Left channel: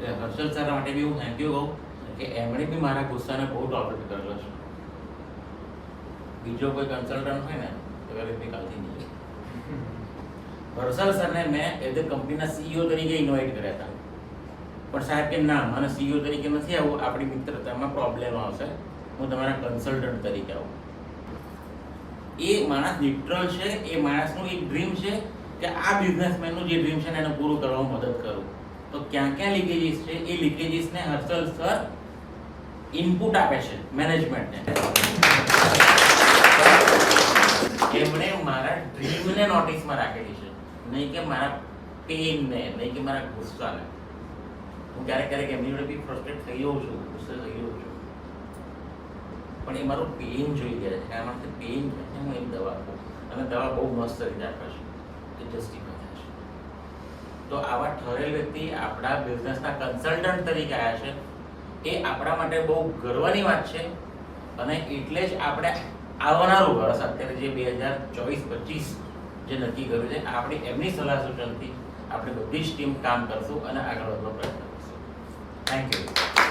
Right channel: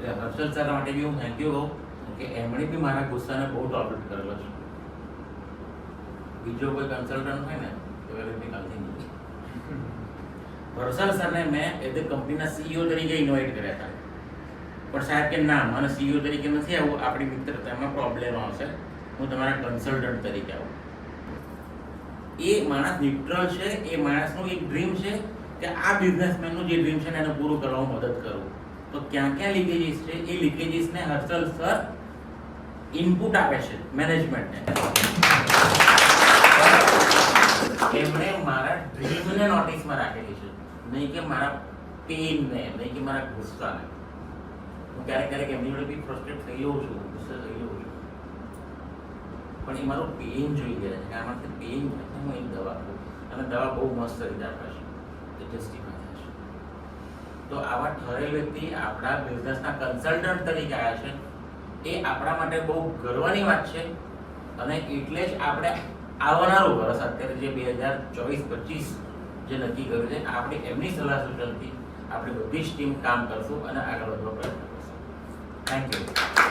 એટલે હર્ષલ સર માટે બી હું થેન્ક યુ કહું કે એમણે બી મારા ગુસ્સાને બહુ ટોલરેટ કરેલો છે. બીજો કોઈ કન્સલ્ટન્ટ હોય ને તો વેરી કાલથી નહીં. હર્ષલ સરને મેં એઝ એ કંપનીના સીઈઓ તરીકે ઇન્વાઇટ કર્યા હતા, પણ સાહેબ કે ના, મને સીઈઓ તરીકે નથી આવું, આપણી મિત્રતામાં પ્રોબ્લેમ આવશે, હું તમારા કન્સલ્ટન્ટ તરીકે આવું. એ માણસ ન્યુટ્રલ છે, એ માણસનું એક ડ્રીમ છે કે આ બિઝનેસમેનનું જે ડ્રીમ છે ને એને પૂરું કરવામાં મદદ કરું. તો ક્યાં ક્યાં લીકેજીસ છે એ લીકેજીસને હર્ષલ સર ઇનપુટ આપે છે મેનેજમેન્ટને. એમણે મારા ડ્રીમને નોટિસમાં રાખેલી છે, નહીં કે મારા પેઇનને, નહીં કે મારા ગુસ્સાને. હું ક્યારેક એમની જોડે બી ફ્રસ્ટ્રેટ થઈ જાઉં છું, ગુસ્સે થઈ જાઉં છું, પણ એ મારું પેઇન જોઈ ગયા છે. આ માટે પેઇન હું એક દવા આપું, અને દવા બહુ મસ્ત રીતે આપે છે, એ જસ્ટિફાય થાય છે. તો આવા ઠરેલ વ્યક્તિ આપણા બિઝનેસના કન્સલ્ટન્ટ તરીકે આવ્યા છે, એ આપણા માટે બહુ ગર્વની વાત છે. અને એટલે જ આપણે આવનારું વર્ષ અત્યારે જે 2024-25 જે નક્કી કર્યું છે, આપણે એમની સલાહ સૂચનથી આપણી બધી જ ટીમ કામ કરશું અને આગળ વધવા પ્રયત્ન કરશું. Thank you.